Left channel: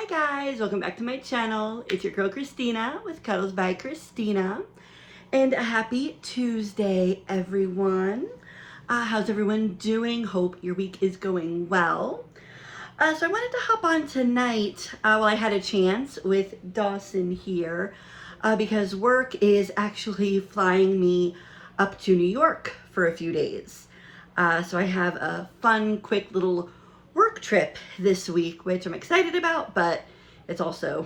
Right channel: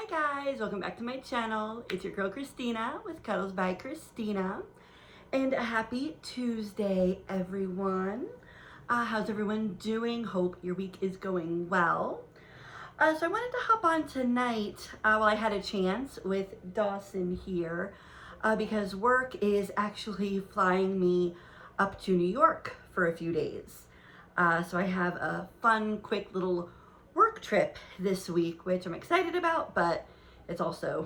Hi guys, welcome back to my channel. It's your girl Christina with Cuddles by Christina. And a happy Tuesday, everyone. How's everyone doing? Hope your week is going well. So I wanted to hop on tonight while I had a chance with Dawson here because work is actually flying me up to New York for a few days. So I have a fun, quick little work trip this week, which I'm excited about, but it's also,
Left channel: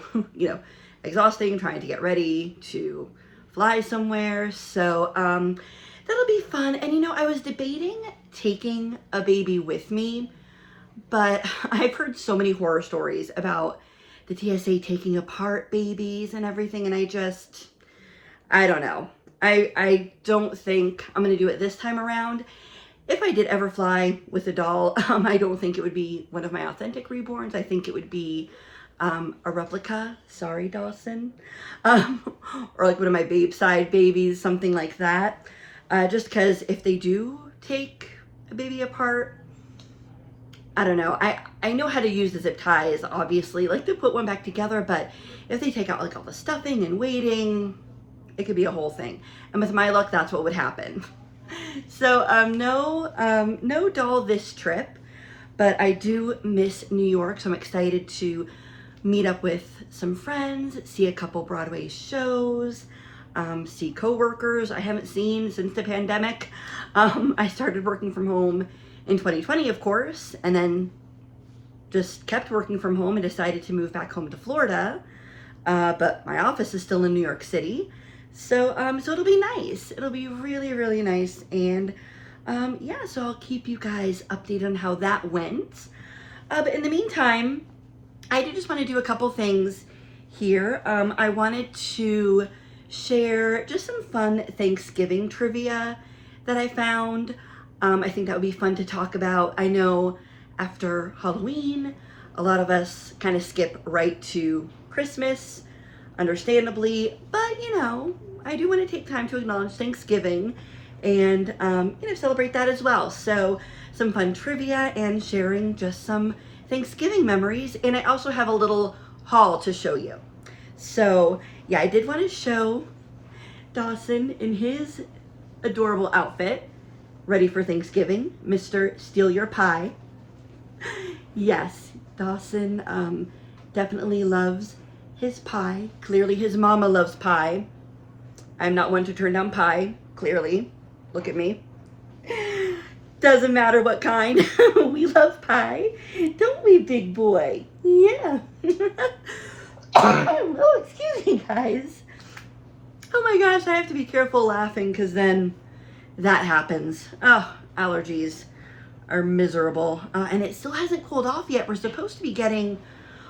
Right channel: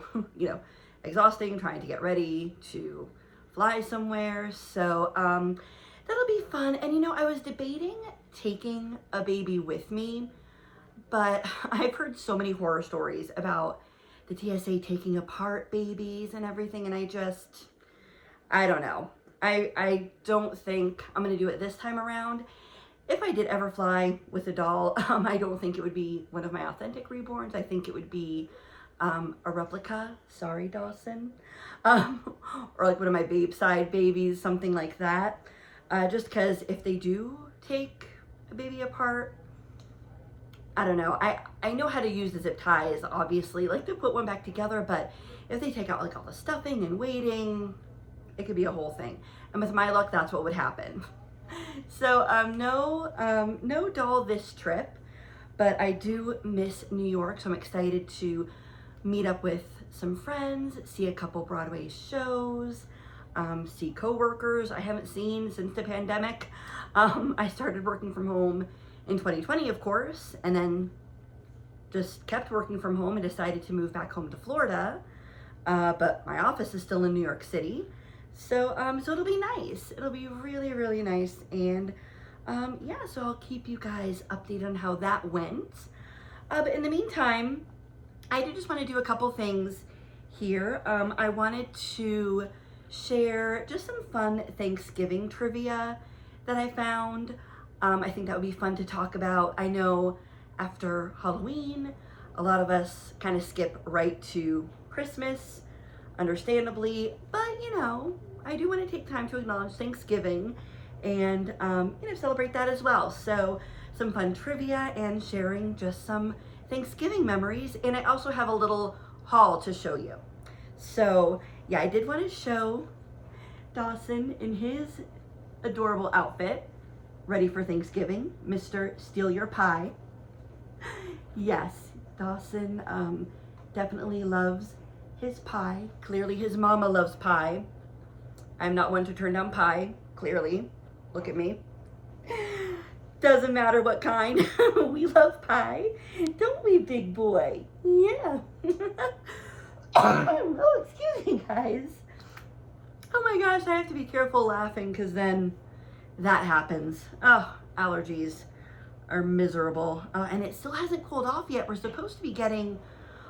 exhausting trying to get ready to fly somewhere. So that'll be fun. And I was debating taking a baby with me, but I've heard so many horror stories about the TSA taking apart babies and everything, and I don't know. I don't think I'm gonna do it this time around. If I did ever fly with a doll, I don't think it would be one of my authentic reborns. I think it would be a replica. Sorry, Dawson. Or like one of my babe side babies, something like that. Just because if they do take a baby apart, I don't know. I know how to use the zip ties, obviously, like to put one back together, but if they take out like all the stuffing and waiting, it could be a whole thing. And with my luck, that's what would happen. So no doll this trip, but I do miss New York, so I'm excited to meet up with some friends, see a couple Broadway shows, see coworkers I haven't seen since the pandemic. I started working from home in 2020, of course, and then just kept working from home and decided to move back home to Florida, but my office is still in New York City. So it'll be nice. It'll be really, really nice. And yeah, so I'll keep you guys updated on how that went. But in the meantime, I did just want to do a couple things here. I wanted to share just some fun Thanksgiving trivia that I found. I think that would be fun to talk about. I know after Halloween, a lot of us kind of skip right to Christmas, understandably, but I do want to take time to acknowledge Thanksgiving and celebrate that as well. So some fun trivia and sharing just some Thanksgiving memories, and I also have a little haul to show you. So yeah, I did want to show Dawson in his adorable outfit, ready for Thanksgiving, Mr. Steal Your Pie. Yes, Dawson definitely loves his pie. Clearly his mama loves pie. I'm not one to turn down pie, clearly. Look at me. Doesn't matter what kind. We love pie. Don't we, big boy? Yeah. Oh, excuse me, guys. Oh my gosh, I have to be careful laughing because then that happens. Oh, allergies are miserable. And it still hasn't cooled off yet. We're supposed to be getting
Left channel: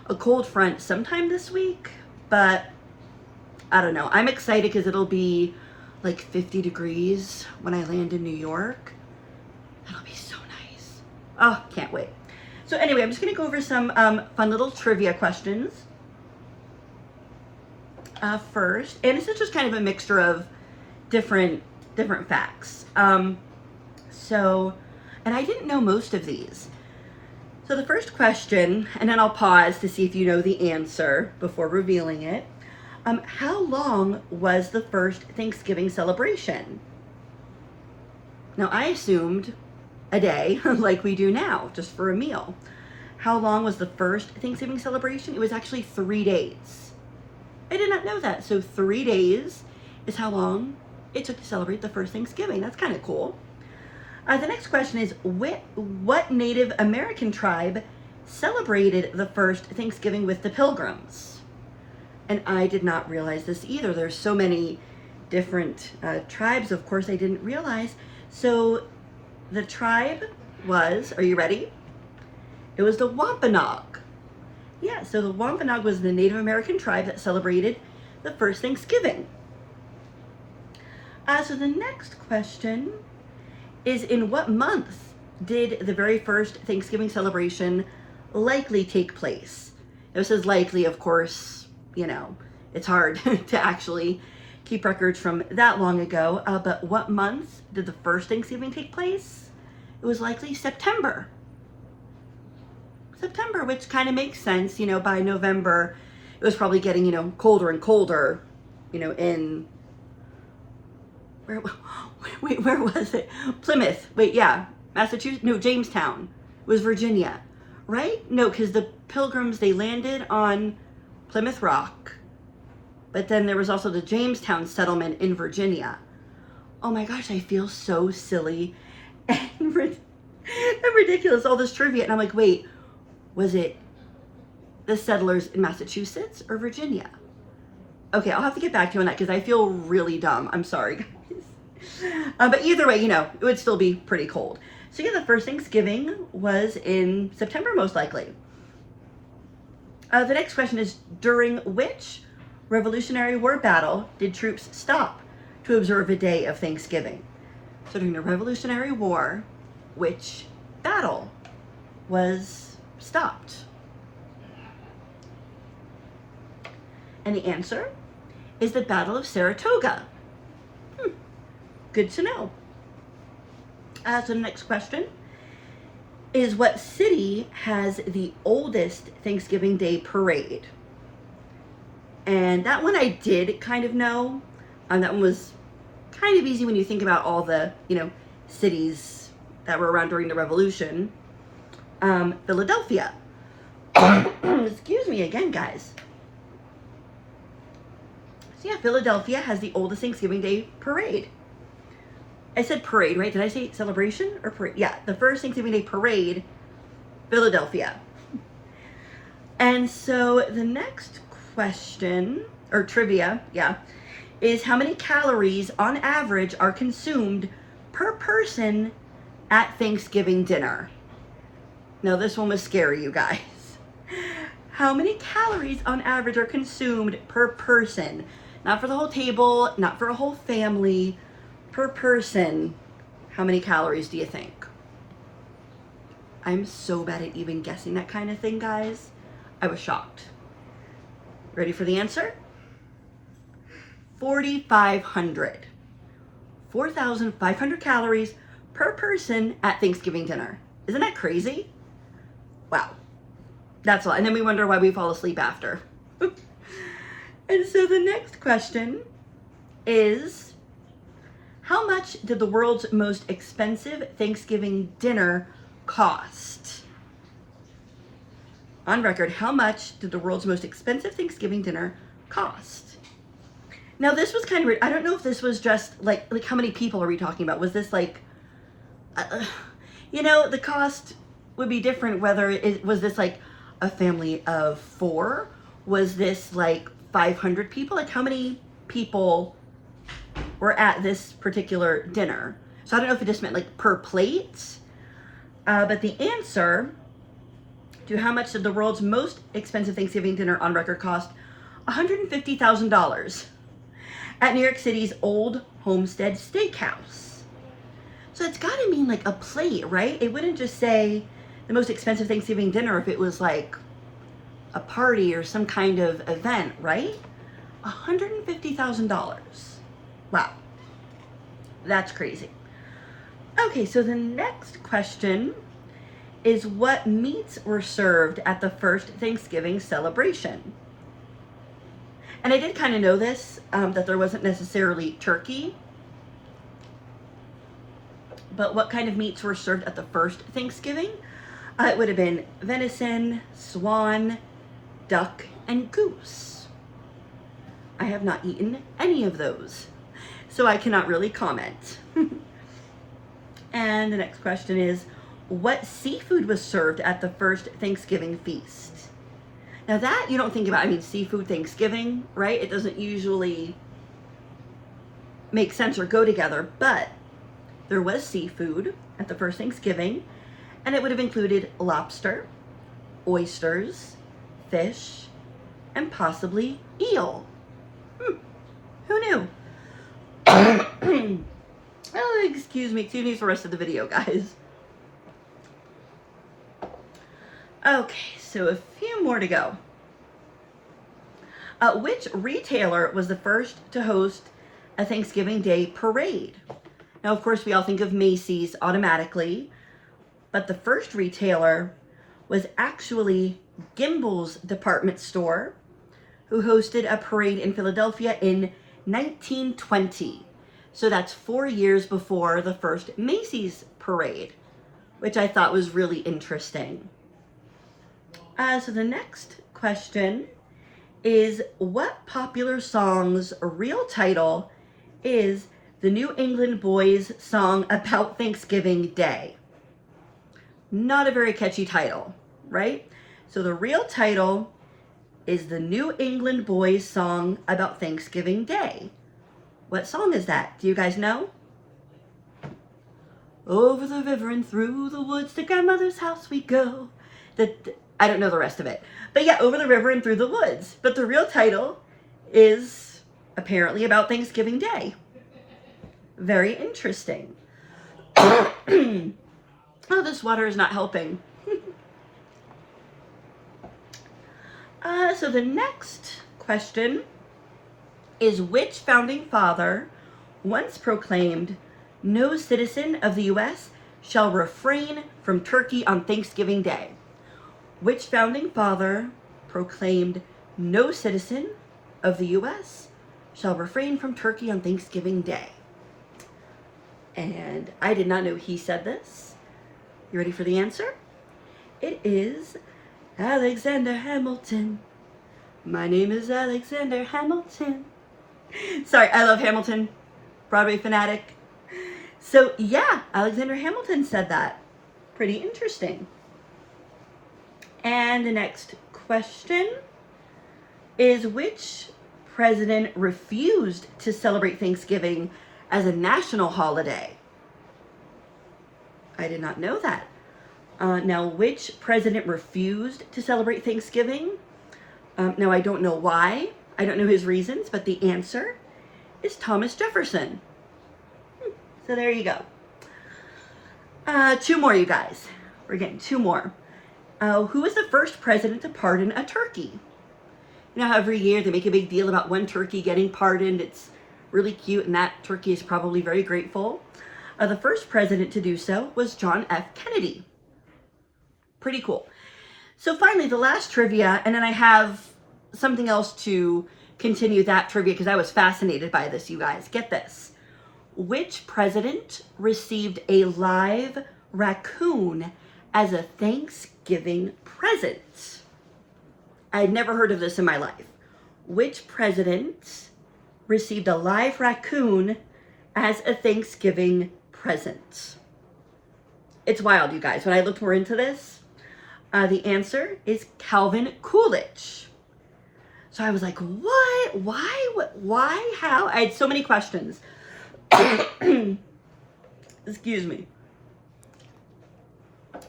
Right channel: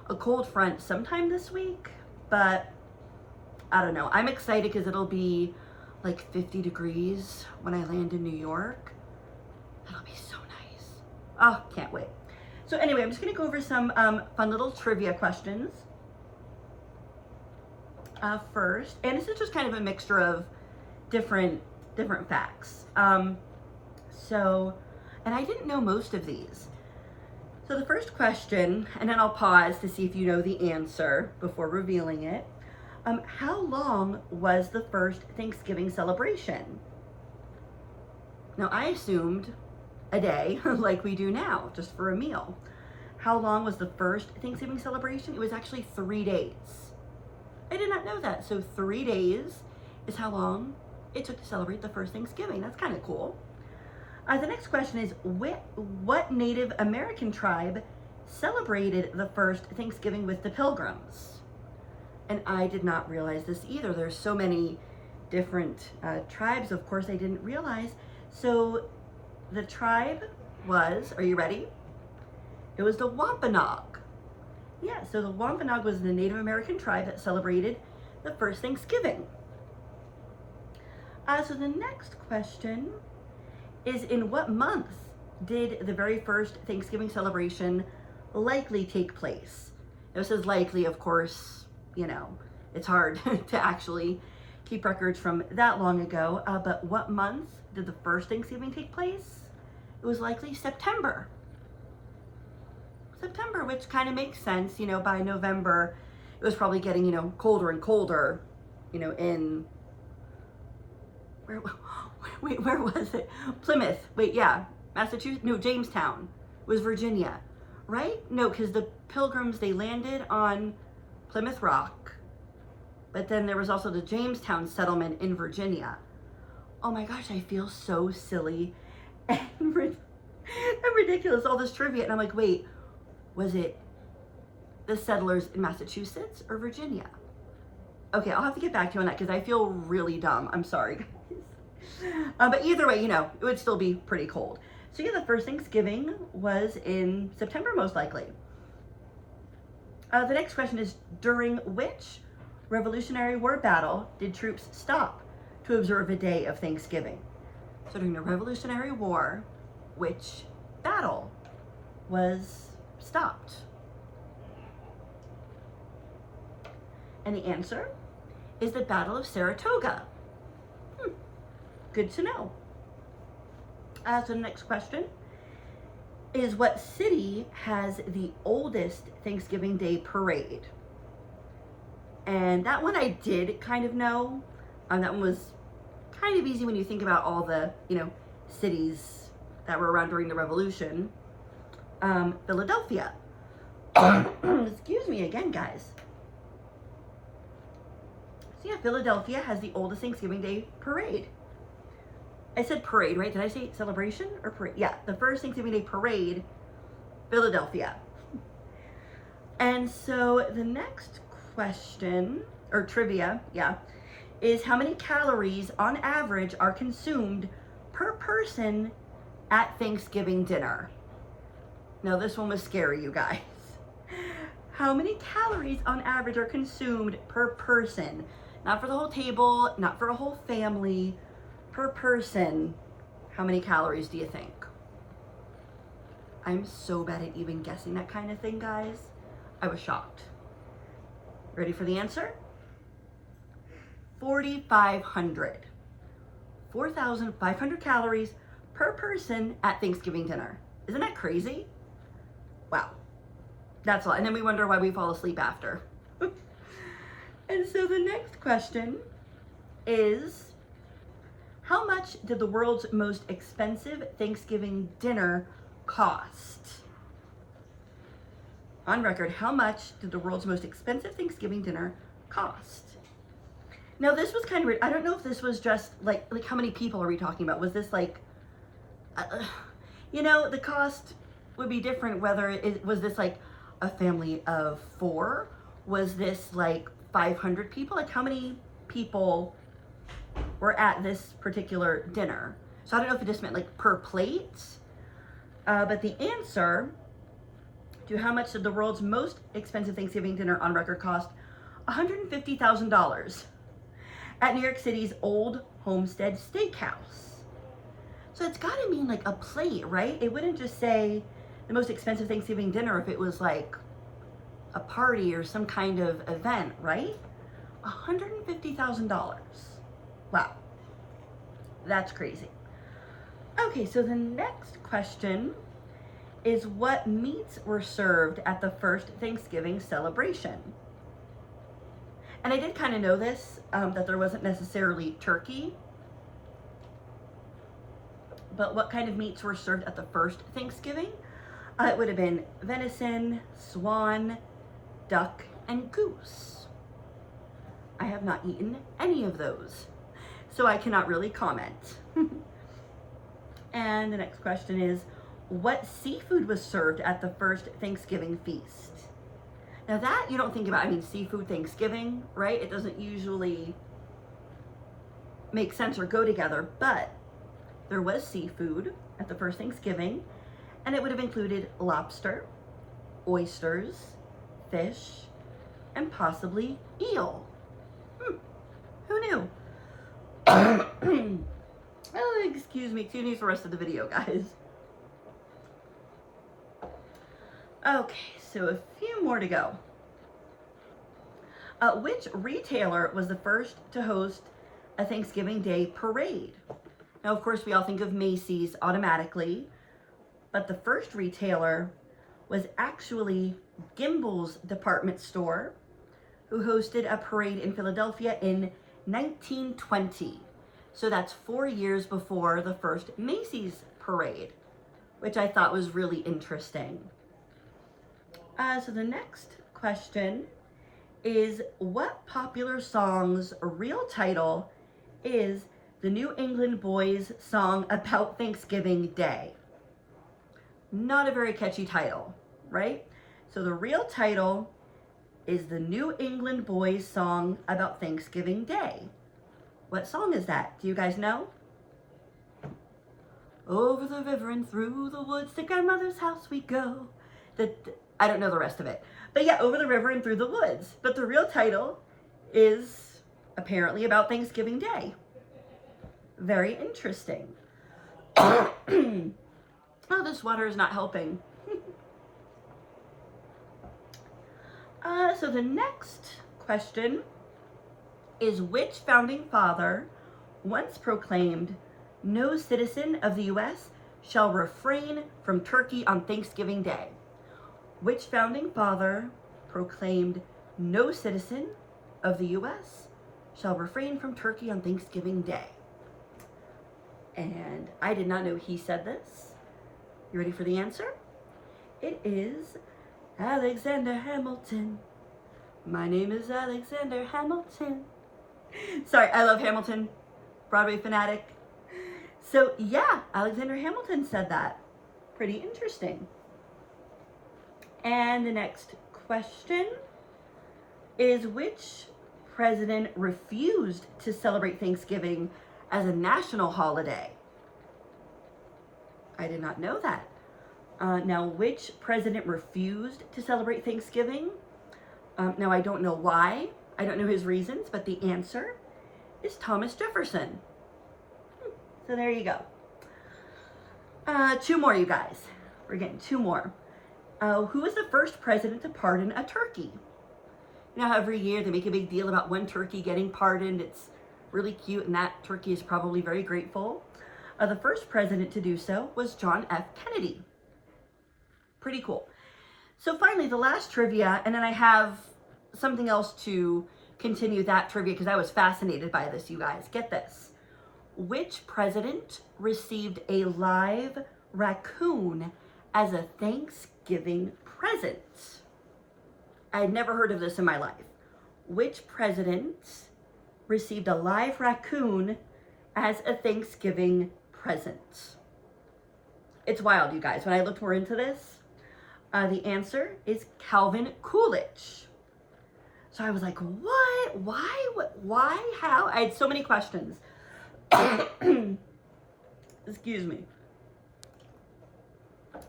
a cold front sometime this week, but I don't know. I'm excited because it'll be like 50 degrees when I land in New York. That'll be so nice. Oh, can't wait. So anyway, I'm just gonna go over some fun little trivia questions first, and this is just kind of a mixture of different facts. And I didn't know most of these. So the first question, and then I'll pause to see if you know the answer before revealing it. How long was the first Thanksgiving celebration? Now, I assumed a day, like we do now, just for a meal. How long was the first Thanksgiving celebration? It was actually 3 days. I did not know that. So 3 days is how long it took to celebrate the first Thanksgiving. That's kind of cool. The next question is, what Native American tribe celebrated the first Thanksgiving with the Pilgrims? And I did not realize this either. There's so many different tribes, of course, I didn't realize. So the tribe was, are you ready? It was the Wampanoag. Yeah, so the Wampanoag was the Native American tribe that celebrated the first Thanksgiving. So the next question is, in what month did the very first Thanksgiving celebration likely take place? This is likely, of course, it's hard to actually keep records from that long ago, but what month did the first Thanksgiving take place? It was likely September. September, which kind of makes sense. You know, by November, it was probably getting, you know, colder and colder, you know, in, wait, where was it? Plymouth. Wait, yeah. Massachusetts? No, Jamestown. It was Virginia, right? No, because the Pilgrims, they landed on Plymouth Rock, but then there was also the Jamestown settlement in Virginia. Oh my gosh, I feel so silly and ridiculous, all this trivia. And I'm like, wait, was it the settlers in Massachusetts or Virginia? Okay, I'll have to get back to you on that because I feel really dumb. I'm sorry, guys. But either way, you know, it would still be pretty cold. So yeah, the first Thanksgiving was in September, most likely. The next question is, during which Revolutionary War battle did troops stop to observe a day of Thanksgiving? So during the Revolutionary War, which battle was stopped? And the answer is the Battle of Saratoga. Good to know. So the next question is, what city has the oldest Thanksgiving Day parade? And that one I did kind of know. That one was kind of easy when you think about all the, you know, cities that were around during the Revolution. Philadelphia. Excuse me again, guys. So yeah, Philadelphia has the oldest Thanksgiving Day parade. I said parade, right? Did I say celebration or parade? Yeah, the first Thanksgiving Day parade, Philadelphia. And so the next question, or trivia, yeah, is how many calories on average are consumed per person at Thanksgiving dinner? Now this one was scary, you guys. How many calories on average are consumed per person? Not for the whole table, not for a whole family, per person. How many calories do you think? I'm so bad at even guessing that kind of thing, guys. I was shocked. Ready for the answer? 4,500. 4,500 calories per person at Thanksgiving dinner. Isn't that crazy? Wow. That's all. And then we wonder why we fall asleep after. And so the next question is, how much did the world's most expensive Thanksgiving dinner cost? On record, how much did the world's most expensive Thanksgiving dinner cost? Now this was kind of weird. I don't know if this was just like how many people are we talking about? Was this like, you know, the cost would be different whether it was this like a family of 4? Was this like 500 people? Like how many people were at this particular dinner? So I don't know if it just meant like per plate, but the answer to how much did the world's most expensive Thanksgiving dinner on record cost, $150,000 at New York City's Old Homestead Steakhouse. So it's gotta mean like a plate, right? It wouldn't just say the most expensive Thanksgiving dinner if it was like a party or some kind of event, right? $150,000. Wow, that's crazy. Okay, so the next question is, what meats were served at the first Thanksgiving celebration? And I did kind of know this, that there wasn't necessarily turkey, but what kind of meats were served at the first Thanksgiving? It would have been venison, swan, duck, and goose. I have not eaten any of those, so I cannot really comment. And the next question is, what seafood was served at the first Thanksgiving feast? Now that you don't think about, I mean, seafood Thanksgiving, right? It doesn't usually make sense or go together, but there was seafood at the first Thanksgiving, and it would have included lobster, oysters, fish, and possibly eel. Who knew? Oh, excuse me for the rest of the video, guys. Okay, so a few more to go. Which retailer was the first to host a Thanksgiving Day parade? Now, of course, we all think of Macy's automatically, but the first retailer was actually Gimbel's department store, who hosted a parade in Philadelphia in 1920. So that's 4 years before the first Macy's parade, which I thought was really interesting. So the next question is, what popular song's real title is the New England Boys song about Thanksgiving Day? Not a very catchy title, right? So the real title is the New England Boys song about Thanksgiving Day. What song is that? Do you guys know? Over the river and through the woods to grandmother's house we go. I don't know the rest of it. But yeah, over the river and through the woods. But the real title is apparently about Thanksgiving Day. Very interesting. Oh, this water is not helping. So the next question is, which founding father once proclaimed, "No citizen of the U.S. shall refrain from turkey on Thanksgiving Day"? Which founding father proclaimed, "No citizen of the U.S. shall refrain from turkey on Thanksgiving Day"? And I did not know he said this. You ready for the answer? It is Alexander Hamilton. My name is Alexander Hamilton. Sorry, I love Hamilton. Broadway fanatic. So yeah, Alexander Hamilton said that. Pretty interesting. And the next question is, which president refused to celebrate Thanksgiving as a national holiday? I did not know that. Now, which president refused to celebrate Thanksgiving? Now, I don't know why. I don't know his reasons, but the answer is Thomas Jefferson. So there you go. 2 more, you guys. We're getting 2 more. Who was the first president to pardon a turkey? You know how every year they make a big deal about one turkey getting pardoned. It's really cute, and that turkey is probably very grateful. The first president to do so was John F. Kennedy. Pretty cool. So finally, the last trivia, and then I have something else to continue that trivia because I was fascinated by this, you guys. Get this. Which president received a live raccoon as a Thanksgiving present? I had never heard of this in my life. Which president received a live raccoon as a Thanksgiving present? It's wild, you guys. When I looked more into this, the answer is Calvin Coolidge. So I was like, what? Why? What? Why? How? I had so many questions. Excuse me.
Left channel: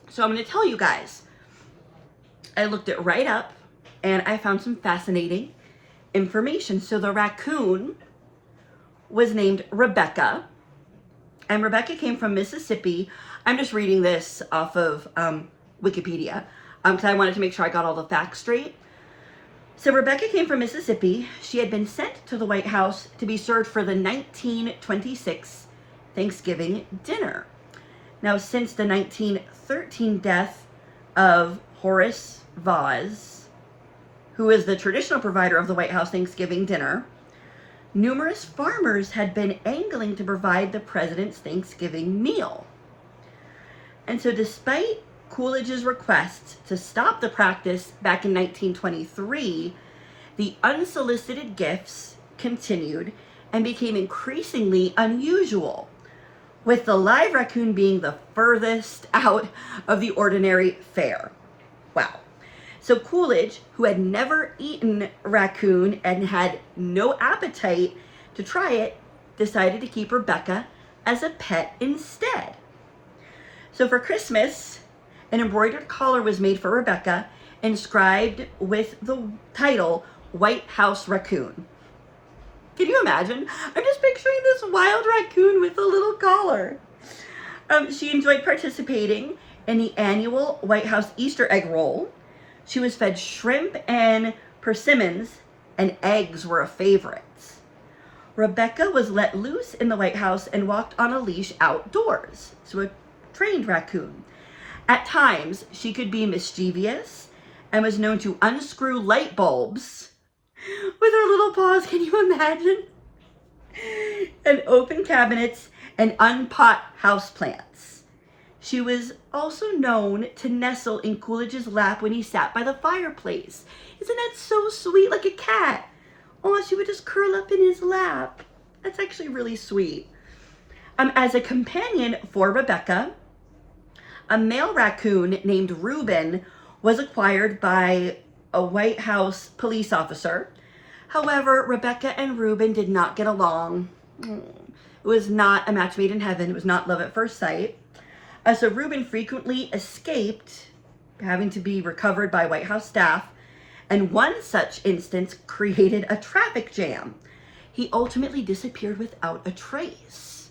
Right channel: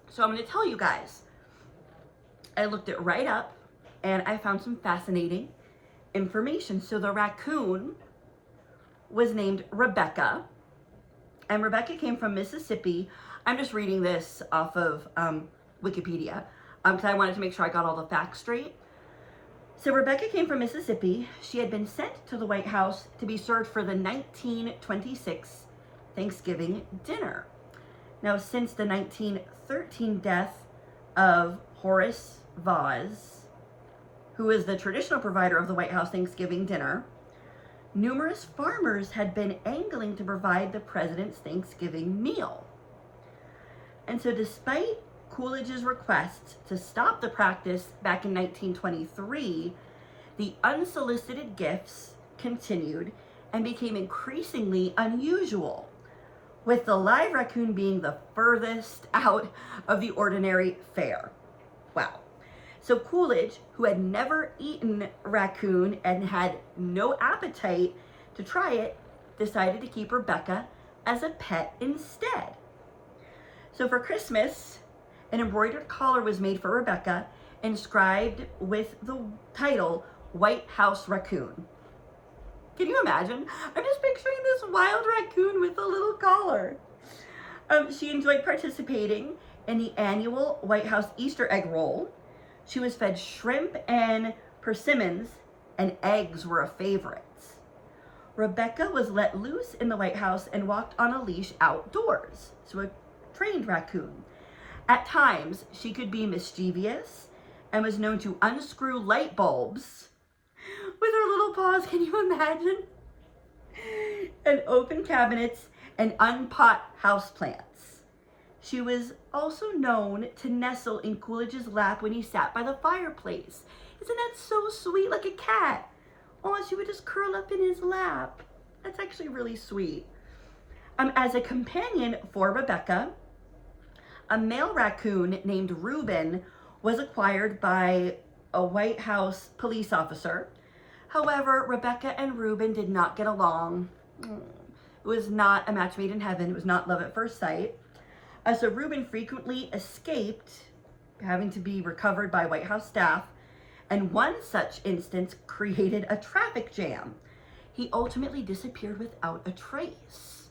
So I'm going to tell you guys. I looked it right up, and I found some fascinating information. So the raccoon was named Rebecca, and Rebecca came from Mississippi. I'm just reading this off of Wikipedia because I wanted to make sure I got all the facts straight. So Rebecca came from Mississippi. She had been sent to the White House to be served for the 1926 Thanksgiving dinner. Now, since the 1913 death of Horace Vaz, who is the traditional provider of the White House Thanksgiving dinner, numerous farmers had been angling to provide the president's Thanksgiving meal. And so despite Coolidge's request to stop the practice back in 1923, the unsolicited gifts continued and became increasingly unusual, with the live raccoon being the furthest out of the ordinary fare. Wow. So Coolidge, who had never eaten raccoon and had no appetite to try it, decided to keep Rebecca as a pet instead. So for Christmas, an embroidered collar was made for Rebecca, inscribed with the title, White House Raccoon. Can you imagine? I'm just picturing this wild raccoon with a little collar. She enjoyed participating in the annual White House Easter egg roll. She was fed shrimp and persimmons, and eggs were a favorite. Rebecca was let loose in the White House and walked on a leash outdoors, so a trained raccoon. At times, she could be mischievous and was known to unscrew light bulbs with her little paws. Can you imagine? And open cabinets and unpot houseplants. She was also known to nestle in Coolidge's lap when he sat by the fireplace. Isn't that so sweet, like a cat? Oh, she would just curl up in his lap. That's actually really sweet. As a companion for Rebecca, a male raccoon named Reuben was acquired by a White House police officer. However, Rebecca and Reuben did not get along. It was not a match made in heaven. It was not love at first sight. So Reuben frequently escaped, having to be recovered by White House staff, and one such instance created a traffic jam. He ultimately disappeared without a trace.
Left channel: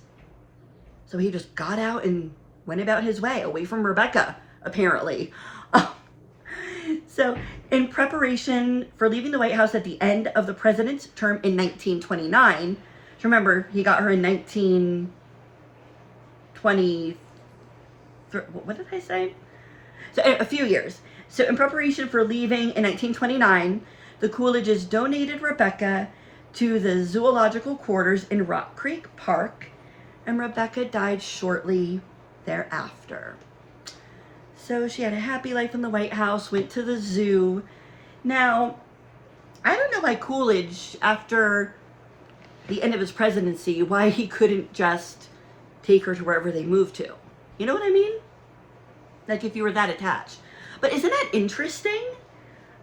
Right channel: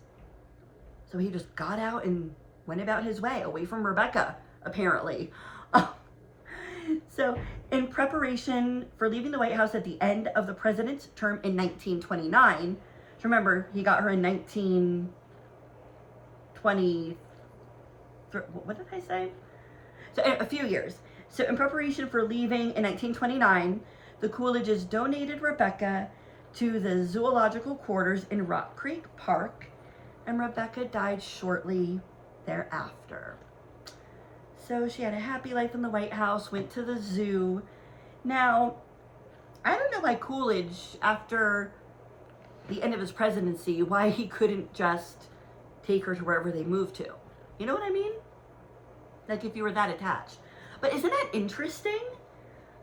So he just got out and went about his way, away from Rebecca, apparently. So in preparation for leaving the White House at the end of the president's term in 1929, remember, he got her in 1920, what did I say? So a few years. So in preparation for leaving in 1929, the Coolidges donated Rebecca to the zoological quarters in Rock Creek Park, and Rebecca died shortly thereafter. So she had a happy life in the White House, went to the zoo. Now, I don't know why Coolidge, after the end of his presidency, why he couldn't just take her to wherever they moved to. You know what I mean? Like if you were that attached. But isn't that interesting?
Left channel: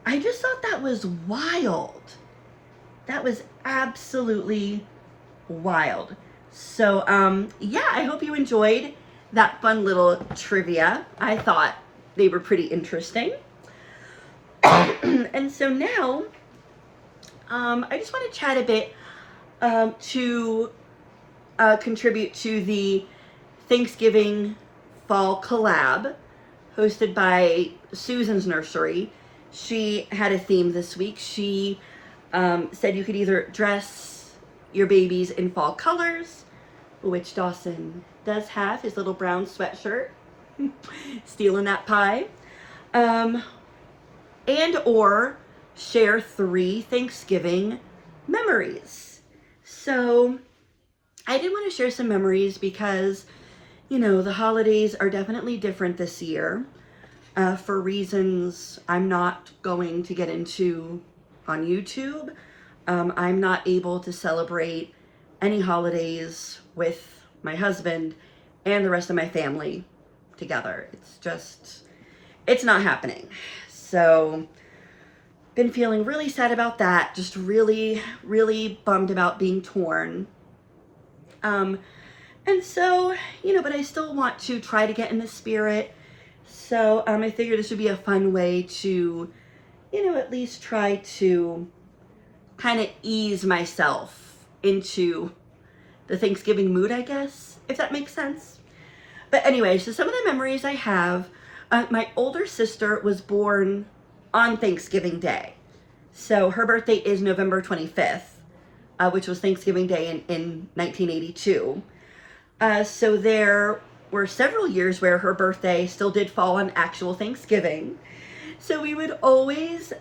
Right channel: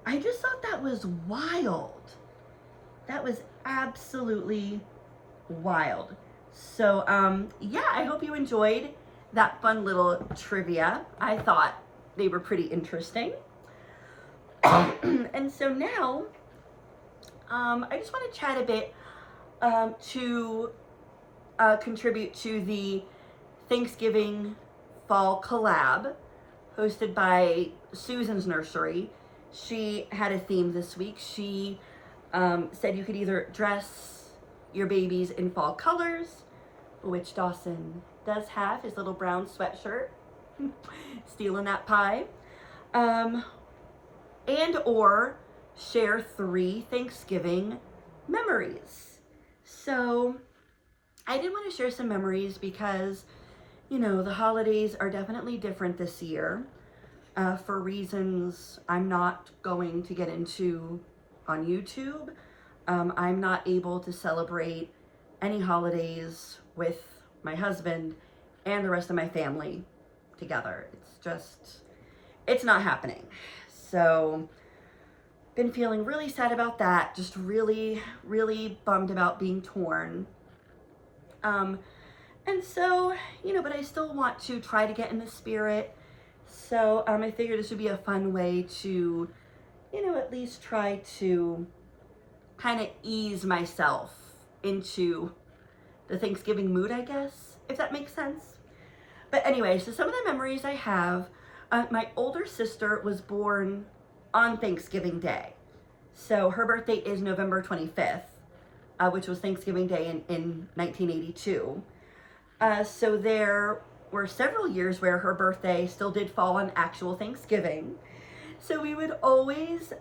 I just thought that was wild. That was absolutely wild. So, yeah, I hope you enjoyed that fun little trivia. I thought they were pretty interesting. And so now, I just want to chat a bit to contribute to the Thanksgiving Fall Collab hosted by Susan's Nursery. She had a theme this week. She said you could either dress your babies in fall colors, which Dawson does have, his little brown sweatshirt, stealing that pie, and or share 3 Thanksgiving memories. So I did want to share some memories because, you know, the holidays are definitely different this year for reasons I'm not going to get into on YouTube. I'm not able to celebrate any holidays with my husband and the rest of my family together. It's not happening. So, been feeling really sad about that. Just really, really bummed about being torn. And so, you know, but I still want to try to get in the spirit. So, I figured this would be a fun way to, you know, at least try to kind of ease myself into the Thanksgiving mood, I guess, if that makes sense. But anyway, so some of the memories I have, my older sister was born on Thanksgiving Day. So her birthday is November 25th, which was Thanksgiving Day in 1982. So there were several years where her birthday still did fall on actual Thanksgiving. So we would always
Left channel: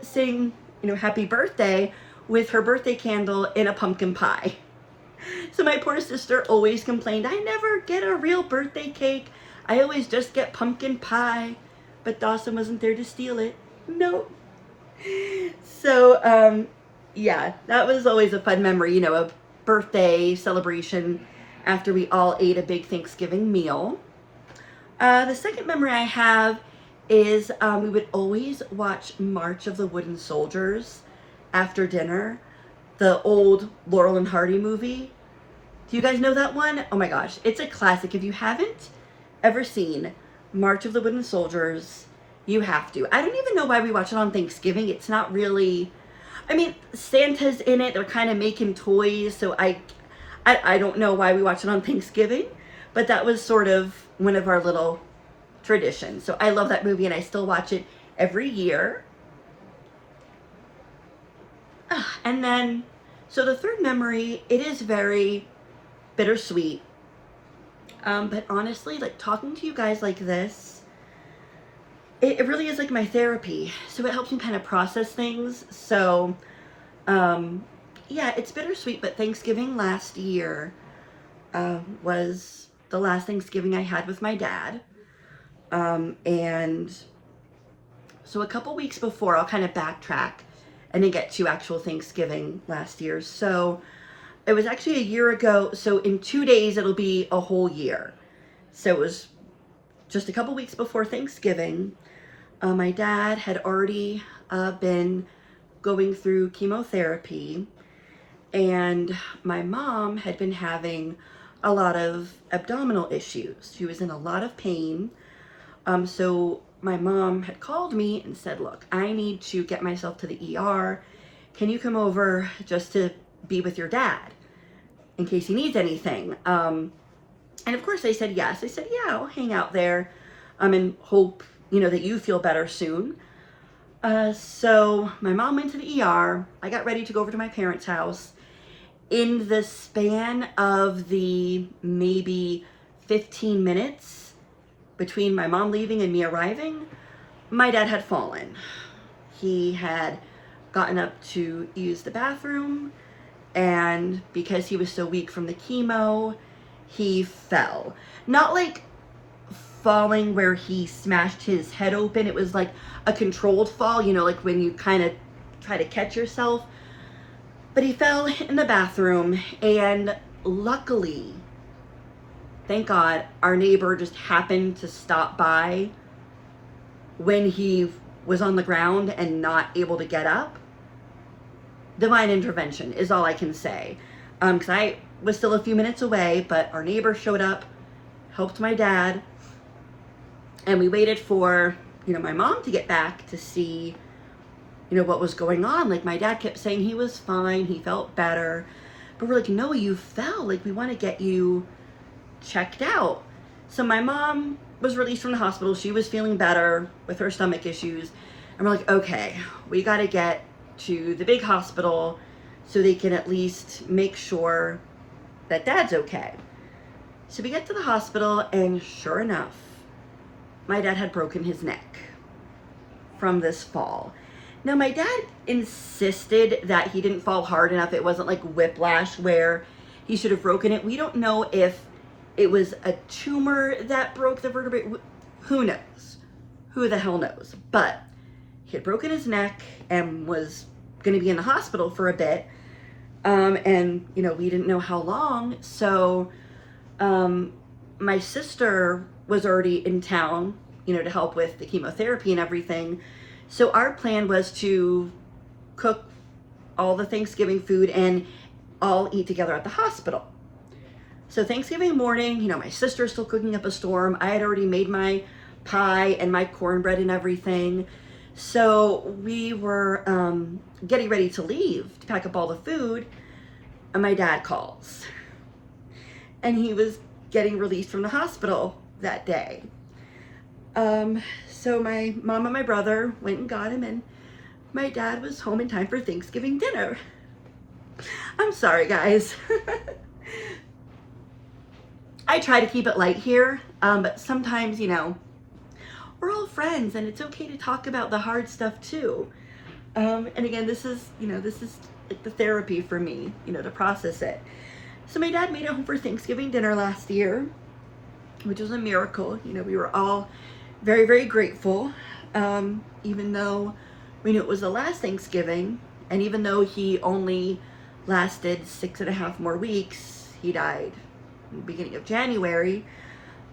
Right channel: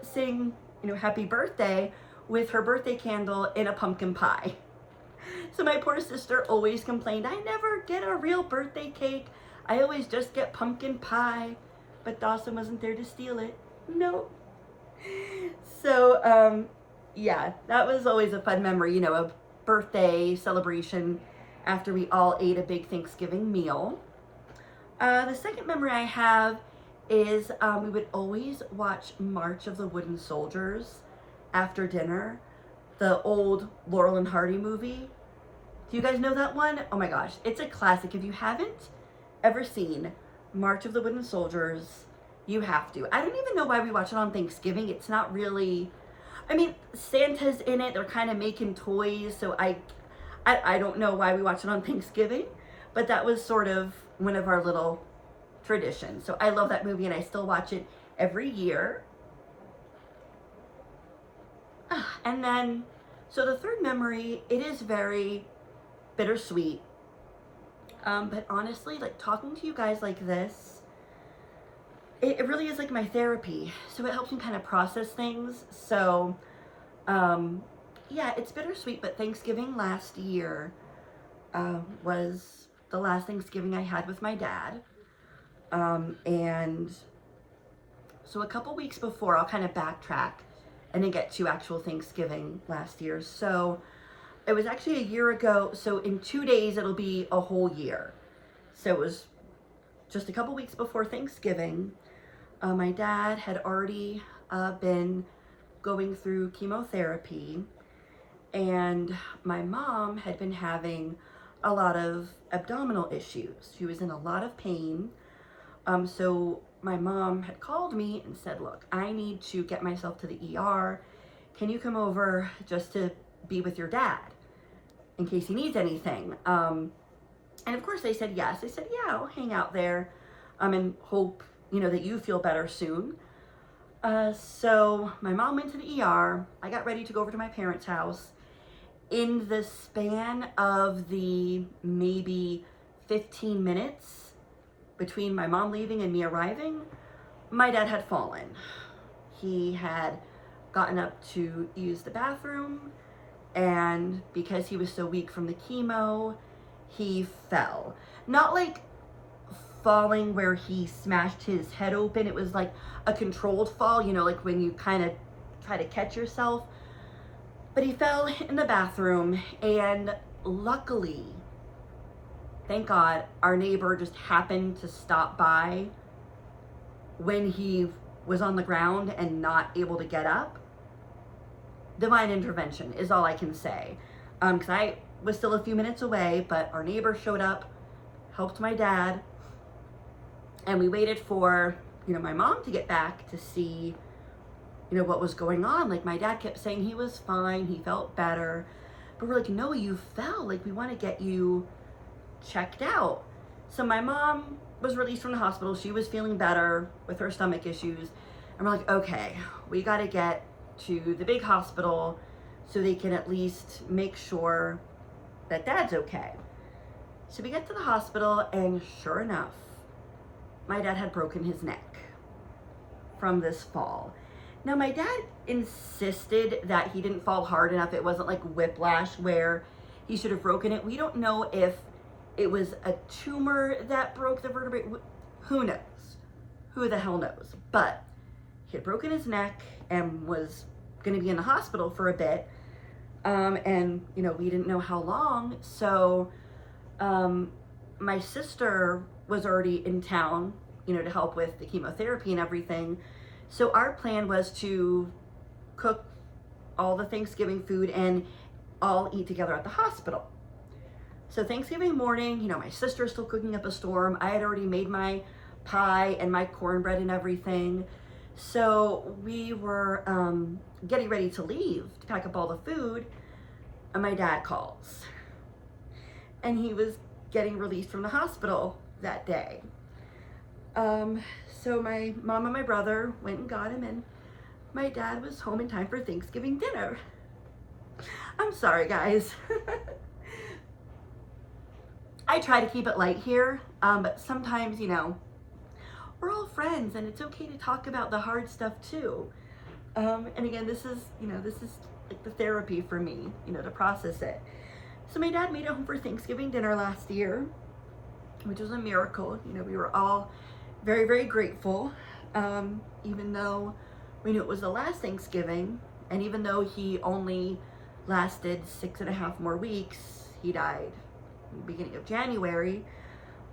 sing, you know, happy birthday with her birthday candle in a pumpkin pie. So my poor sister always complained, I never get a real birthday cake. I always just get pumpkin pie. But Dawson wasn't there to steal it. No. So, yeah, that was always a fun memory, you know, a birthday celebration after we all ate a big Thanksgiving meal. The second memory I have is we would always watch March of the Wooden Soldiers after dinner, the old Laurel and Hardy movie. Do you guys know that one? Oh my gosh, it's a classic. If you haven't ever seen March of the Wooden Soldiers, you have to. I don't even know why we watch it on Thanksgiving. It's not really, I mean, Santa's in it. They're kind of making toys, so I don't know why we watch it on Thanksgiving, but that was sort of one of our little traditions. So I love that movie, and I still watch it every year. And then, so the third memory, it is very bittersweet. But honestly, like talking to you guys like this it really is like my therapy. So it helps me kind of process things. So, yeah, it's bittersweet, but Thanksgiving last year was the last Thanksgiving I had with my dad. And so a couple weeks before, I'll kind of backtrack and then get to actual Thanksgiving last year. So it was actually a year ago. So in 2 days, it'll be a whole year. So it was just a couple weeks before Thanksgiving. My dad had already been going through chemotherapy, and my mom had been having a lot of abdominal issues. She was in a lot of pain. So my mom had called me and said, look, I need to get myself to the ER. Can you come over just to be with your dad in case he needs anything? And of course I said yes. I said, yeah, I'll hang out there and hope, that you feel better soon. So my mom went to the ER. I got ready to go over to my parents' house. In the span of the maybe 15 minutes between my mom leaving and me arriving, my dad had fallen. He had gotten up to use the bathroom, and because he was so weak from the chemo, he fell. Not like falling where he smashed his head open. It was like a controlled fall, like when you kind of try to catch yourself. But he fell in the bathroom, and luckily, thank God, our neighbor just happened to stop by when he was on the ground and not able to get up. Divine intervention is all I can say. Because I was still a few minutes away, but our neighbor showed up, helped my dad, and we waited for, my mom to get back to see, what was going on. Like, my dad kept saying he was fine, he felt better, but we're like, no, you fell. Like, we want to get you checked out. So my mom was released from the hospital. She was feeling better with her stomach issues. And we're like, okay, we got to get to the big hospital so they can at least make sure that dad's okay. So we get to the hospital, and sure enough, my dad had broken his neck from this fall. Now, my dad insisted that he didn't fall hard enough. It wasn't like whiplash where he should have broken it. We don't know if it was a tumor that broke the vertebrae. Who knows? Who the hell knows? But he had broken his neck and was going to be in the hospital for a bit. And, we didn't know how long. So my sister was already in town, to help with the chemotherapy and everything. So our plan was to cook all the Thanksgiving food and all eat together at the hospital. So Thanksgiving morning, my sister's still cooking up a storm. I had already made my pie and my cornbread and everything. So we were getting ready to leave to pack up all the food, and my dad calls. And he was getting released from the hospital that day. So my mom and my brother went and got him, and my dad was home in time for Thanksgiving dinner. I'm sorry, guys. I try to keep it light here, but sometimes, we're all friends, and it's okay to talk about the hard stuff too. And again, this is like the therapy for me, to process it. So my dad made it home for Thanksgiving dinner last year, which was a miracle. We were all very, very grateful, even though we knew it was the last Thanksgiving, and even though he only lasted 6.5 more weeks, he died in the beginning of January.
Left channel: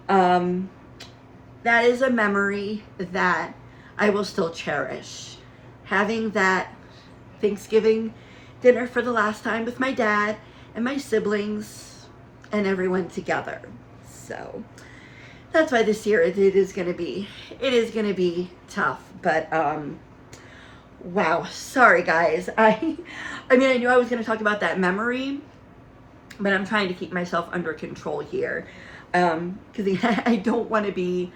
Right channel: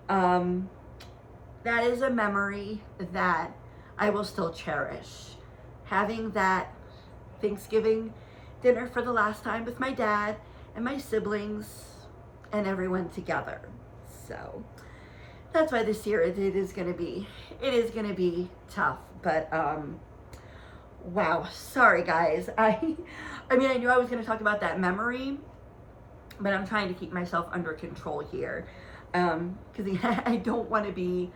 That is a memory that I will still cherish. Having that Thanksgiving dinner for the last time with my dad and my siblings and everyone together. So that's why this year it is gonna be tough. But wow, sorry guys. I mean, I knew I was gonna talk about that memory, but I'm trying to keep myself under control here, because I don't want to be,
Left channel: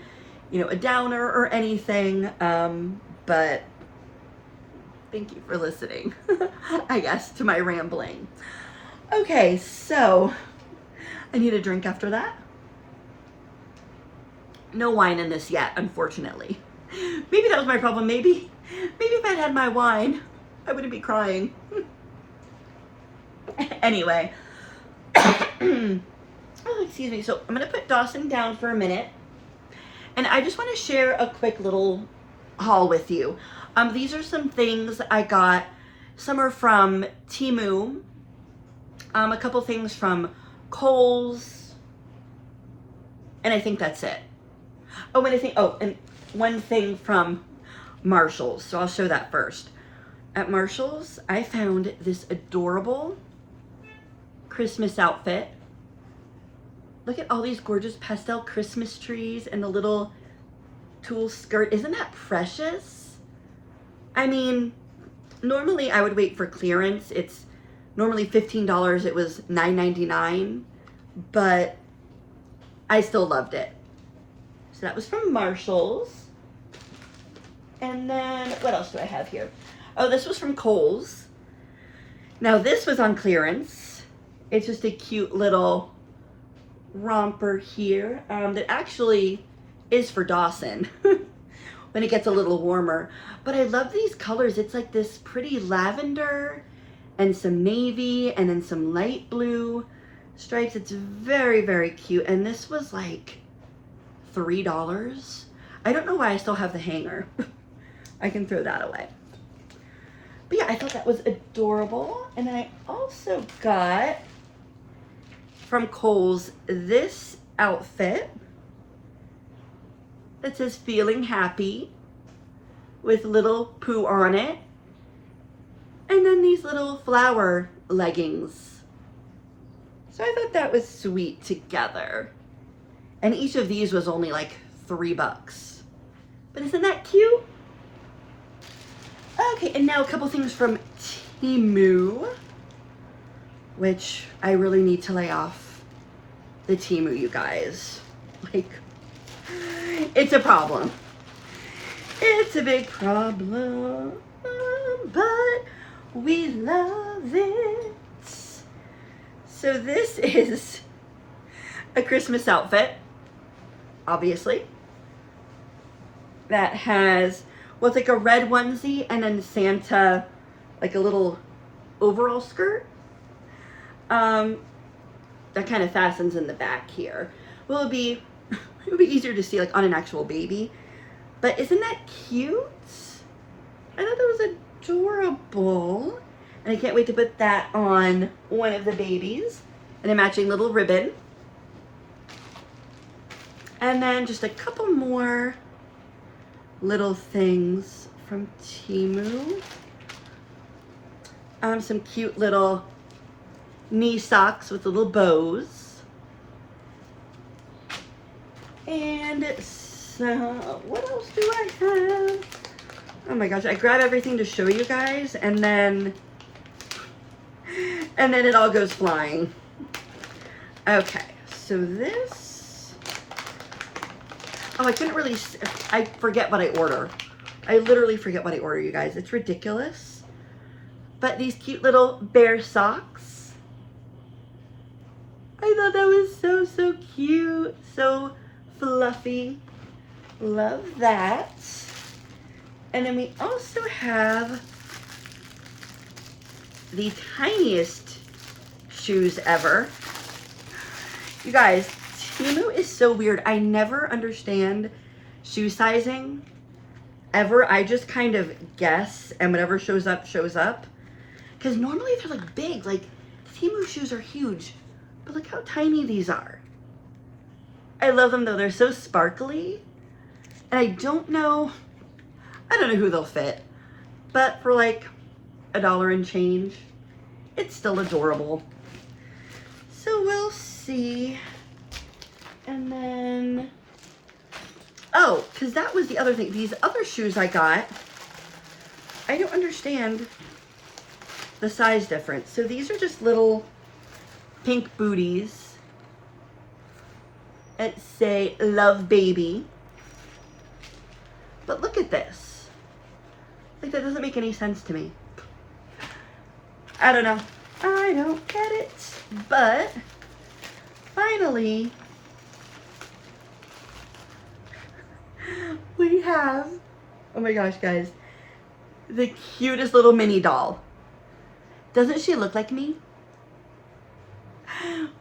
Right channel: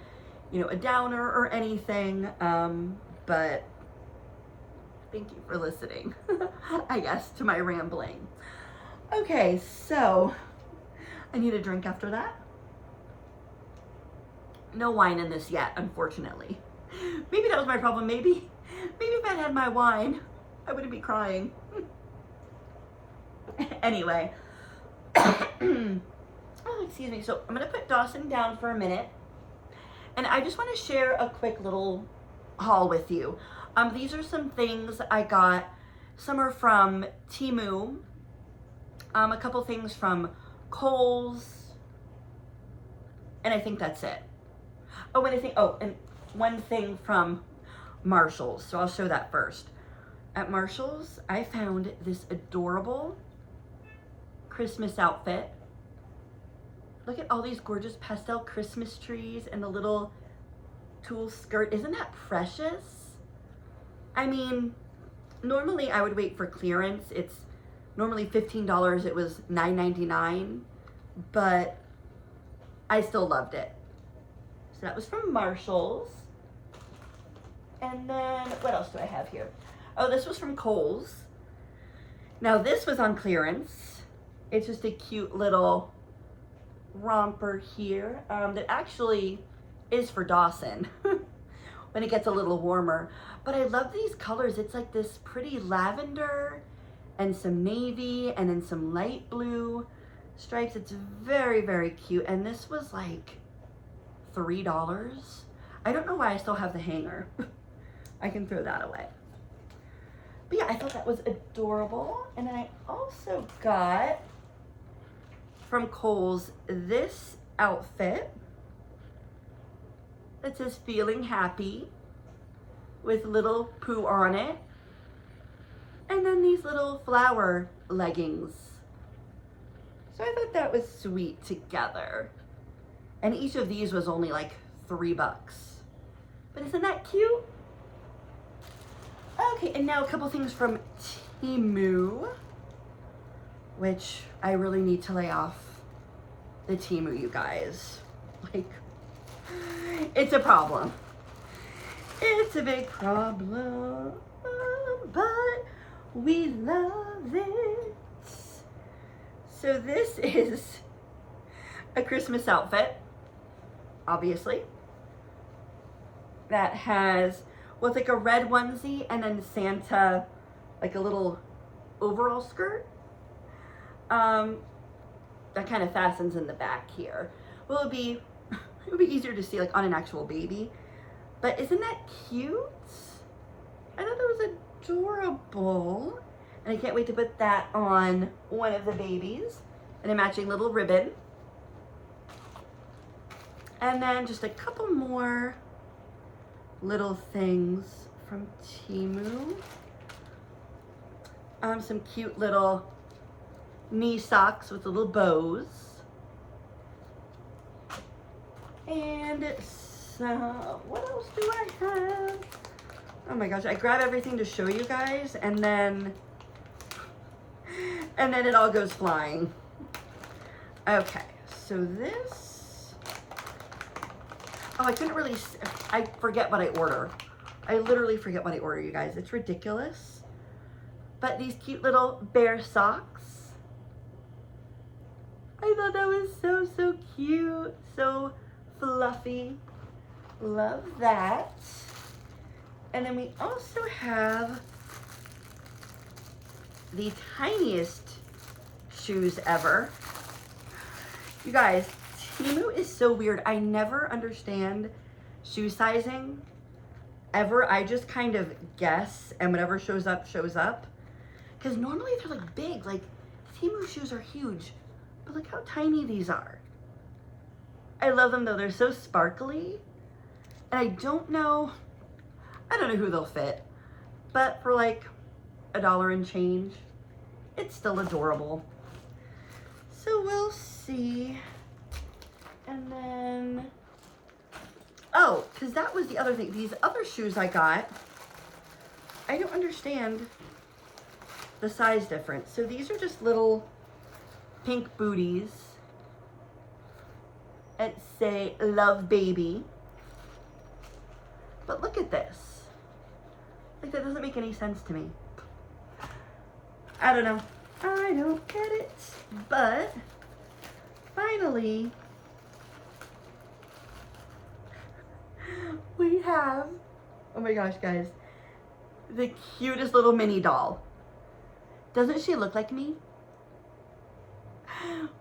a downer or anything. But thank you for listening, I guess, to my rambling. Okay, so I need a drink after that. No wine in this yet, unfortunately. Maybe that was my problem. Maybe if I'd had my wine, I wouldn't be crying. Anyway. Oh, excuse me. So I'm going to put Dawson down for a minute. And I just want to share a quick little haul with you. These are some things I got. Some are from Temu. A couple things from Kohl's. And I think that's it. And one thing from Marshall's. So I'll show that first. At Marshall's, I found this adorable Christmas outfit. Look at all these gorgeous pastel Christmas trees and the little tulle skirt. Isn't that precious? I mean, normally I would wait for clearance. It's normally $15. It was $9.99, but I still loved it. So that was from Marshall's. And then, what else do I have here? Oh, this was from Kohl's. Now this was on clearance. It's just a cute little romper here that actually is for Dawson when it gets a little warmer. But I love these colors. It's like this pretty lavender and some navy and then some light blue stripes. It's very, very cute. And this was like $3. I don't know why I still have the hanger. I can throw that away. But yeah, I thought that was adorable. And then I also got from Kohl's this outfit that says feeling happy with little poo on it. And then these little flower leggings. So I thought that was sweet together. And each of these was only like $3. But isn't that cute? Okay, and now a couple things from Temu, which I really need to lay off the Temu, you guys. Like, it's a problem. It's a big problem, but we love it. So this is a Christmas outfit, obviously, that has, well, it's like a red onesie and then Santa, like a little overall skirt. That kind of fastens in the back here. Well, it'll be easier to see like on an actual baby. But isn't that cute? I thought that was adorable. And I can't wait to put that on one of the babies. And a matching little ribbon. And then just a couple more little things from Temu. Some cute little knee socks with little bows. And so, what else do I have? Oh my gosh, I grab everything to show you guys and then it all goes flying. Okay, so this, oh, I forget what I order. I literally forget what I order, you guys. It's ridiculous. But these cute little bear socks. I thought that was so, so cute. So fluffy. Love that. And then we also have the tiniest shoes ever. You guys, Temu is so weird. I never understand shoe sizing ever. I just kind of guess and whatever shows up, shows up. Because normally they're like big, like Temu shoes are huge. But look how tiny these are. I love them though, they're so sparkly. And I don't know who they'll fit. But for like $1 and change, it's still adorable. So we'll see. And then, oh, because that was the other thing. These other shoes I got, I don't understand the size difference. So these are just little pink booties that say Love Baby. But look at this. Like, that doesn't make any sense to me. I don't know. I don't get it. But finally, we have Oh my gosh, guys. The cutest little mini doll. Doesn't she look like me?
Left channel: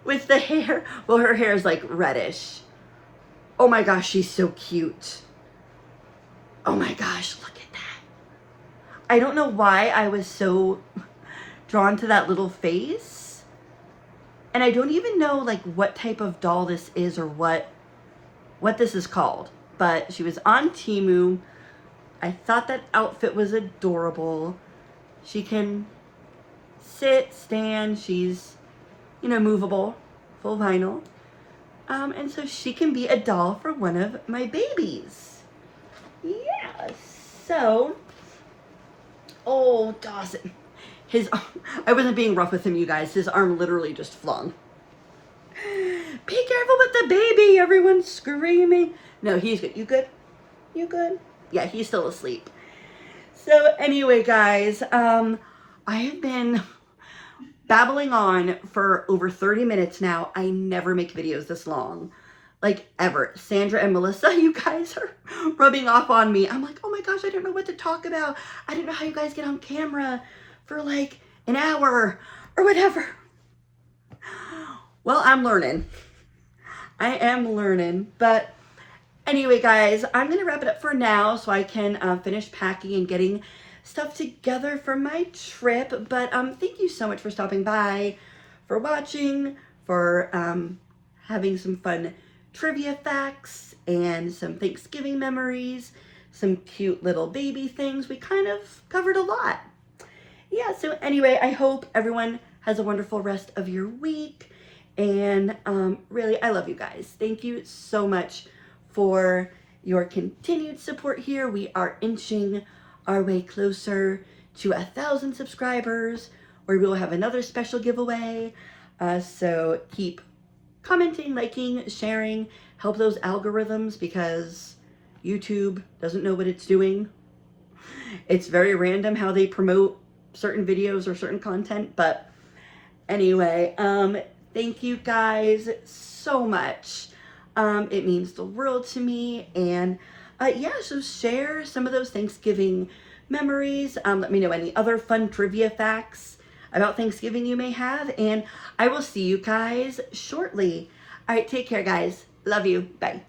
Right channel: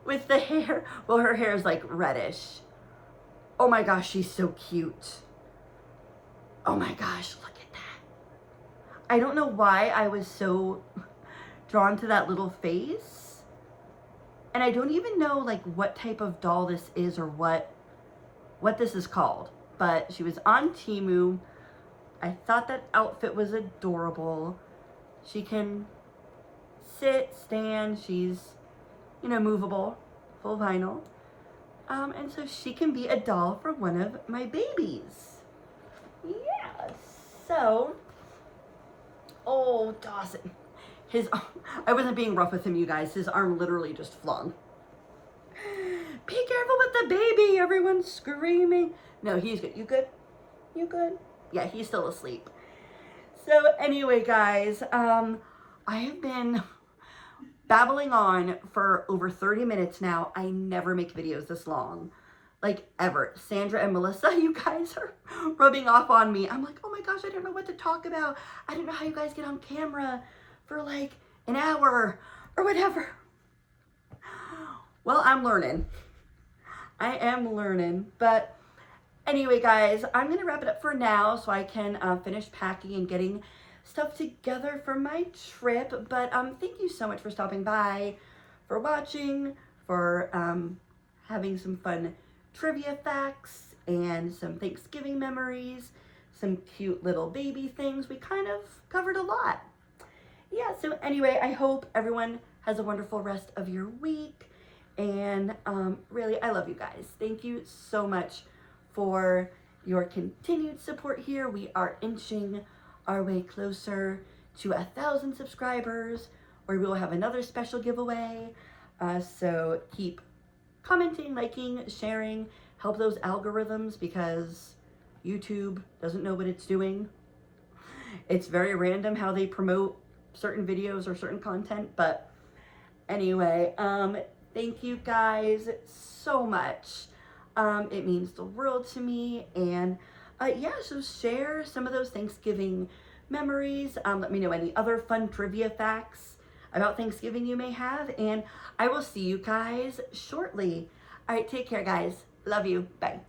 With the hair. Well, her hair is like reddish. Oh my gosh, she's so cute. Oh my gosh, look at that. I don't know why I was so drawn to that little face. And I don't even know like what type of doll this is or what this is called. But she was on Temu. I thought that outfit was adorable. She can sit, stand, she's, you know, movable, full vinyl. And so she can be a doll for one of my babies. Yeah, so, oh, Dawson, I wasn't being rough with him, you guys. His arm literally just flung. Be careful with the baby, everyone's screaming. No, he's good. You good? You good? Yeah, he's still asleep. So anyway, guys, I have been babbling on for over 30 minutes now. I never make videos this long. Like, ever. Sandra and Melissa, you guys are rubbing off on me. I'm like, oh my gosh, I don't know what to talk about. I don't know how you guys get on camera for like an hour or whatever. Well, I'm learning. I am learning. But anyway, guys, I'm going to wrap it up for now so I can finish packing and getting stuff together for my trip. But thank you so much for stopping by, for watching, for having some fun trivia facts and some Thanksgiving memories, some cute little baby things. We kind of covered a lot. Yeah, so anyway, I hope everyone has a wonderful rest of your week. And really, I love you guys. Thank you so much for your continued support here. We are inching our way closer to 1,000 subscribers, where we will have another special giveaway. So keep commenting, liking, sharing, help those algorithms, because YouTube doesn't know what it's doing. It's very random how they promote certain videos or certain content. But anyway, thank you guys so much. It means the world to me. And yeah, so share some of those Thanksgiving memories. Let me know any other fun trivia facts about Thanksgiving you may have. And I will see you guys shortly. All right, take care, guys. Love you. Bye.